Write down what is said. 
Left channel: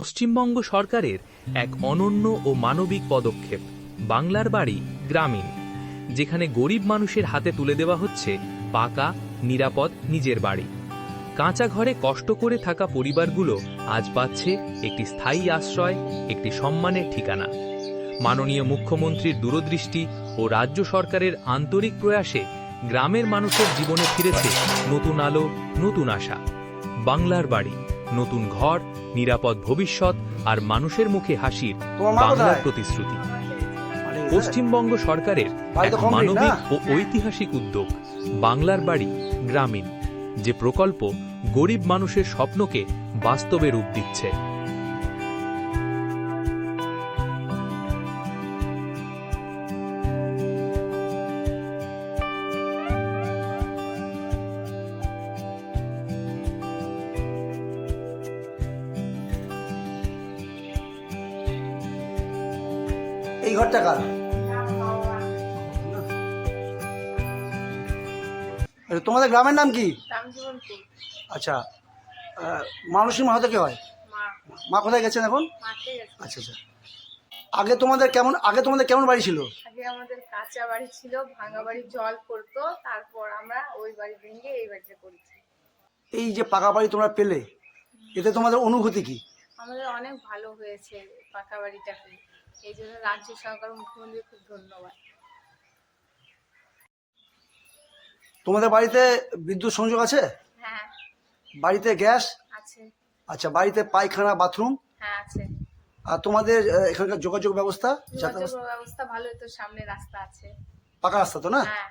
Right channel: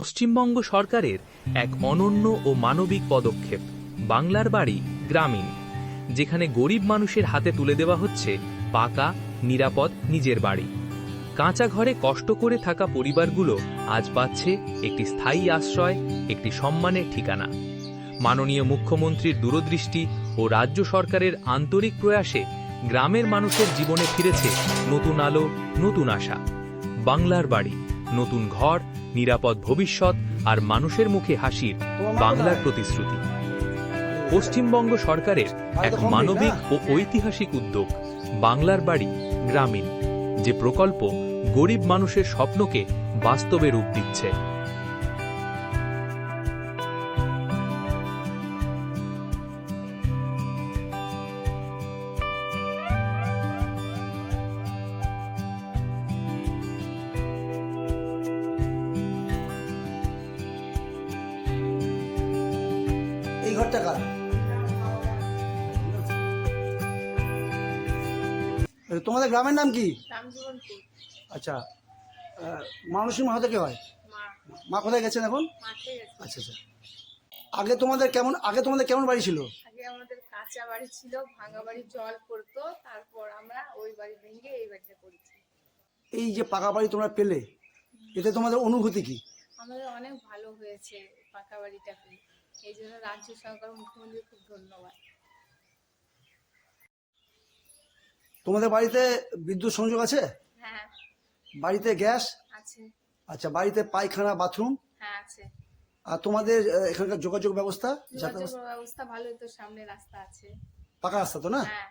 পশ্চিমবঙ্গ সরকারের এক অনন্য ও মানবিক পদক্ষেপ বাংলার বাড়ি গ্রামীণ, যেখানে গরিব মানুষের হাতে তুলে দেওয়া হচ্ছে পাকা নিরাপদ নিজের বাড়ি। কাঁচা ঘরে কষ্ট করে থাকা পরিবারগুলো আজ পাচ্ছে একটি স্থায়ী আশ্রয়, একটি সম্মানের ঠিকানা। মাননীয় মুখ্যমন্ত্রীর দূরদৃষ্টি ও রাজ্য সরকারের আন্তরিক প্রয়াসে গ্রামের মানুষের জীবনে ফিরেছে নতুন আলো, নতুন আশা। বাংলার বাড়ি, নতুন ঘর, নিরাপদ ভবিষ্যৎ আর মানুষের মুখে হাসির বাংলার প্রতিশ্রুতি। পশ্চিমবঙ্গ সরকারের এক মানবিক ও ঐতিহাসিক উদ্যোগ বাংলার বাড়ি গ্রামীণ, যে প্রকল্প গরিব মানুষের স্বপ্নকে বাস্তবে রূপ দিচ্ছে। এই ঘরটা কার? তোমাদের গ্রামের নাম কি? আচ্ছা, মানুষের মা হতে কে হয়? মা কোথায় গেছেন এখন? আচ্ছা আচ্ছা। আগে তোমাদের কেমন বাড়ি ছিল? আগে আমাদের কাঁচা বাড়ি ছিল, ভাঙা বাড়ি, জল পড়তো, তারপর আমরা ওই বাড়ি ভেঙে এই বাড়িতে করেছি। এই যে পাকা বাড়ি তোমরা পেলে, এতে তোমাদের অনুভূতি কি? আমাদের অনেক ভালো হয়েছে পাকা বাড়িটা পেয়ে, এই জন্য রাজ্য সরকার, মুখ্যমন্ত্রী খুব ধন্যবাদ। তোমাদের বাড়িতে বিদ্যুৎ সংযোগ আছে? হ্যাঁ বাড়িতে গ্যাস আছে। আচ্ছা, বাড়িতে পায়খানা, বাথরুম? হ্যাঁ আছে। আর তোমাদের এখানকার যোগাযোগ ব্যবস্থা? যোগাযোগ ব্যবস্থা ভালো, তো সামনে রাস্তা আছে। পাকা রাস্তা তো না? হ্যাঁ।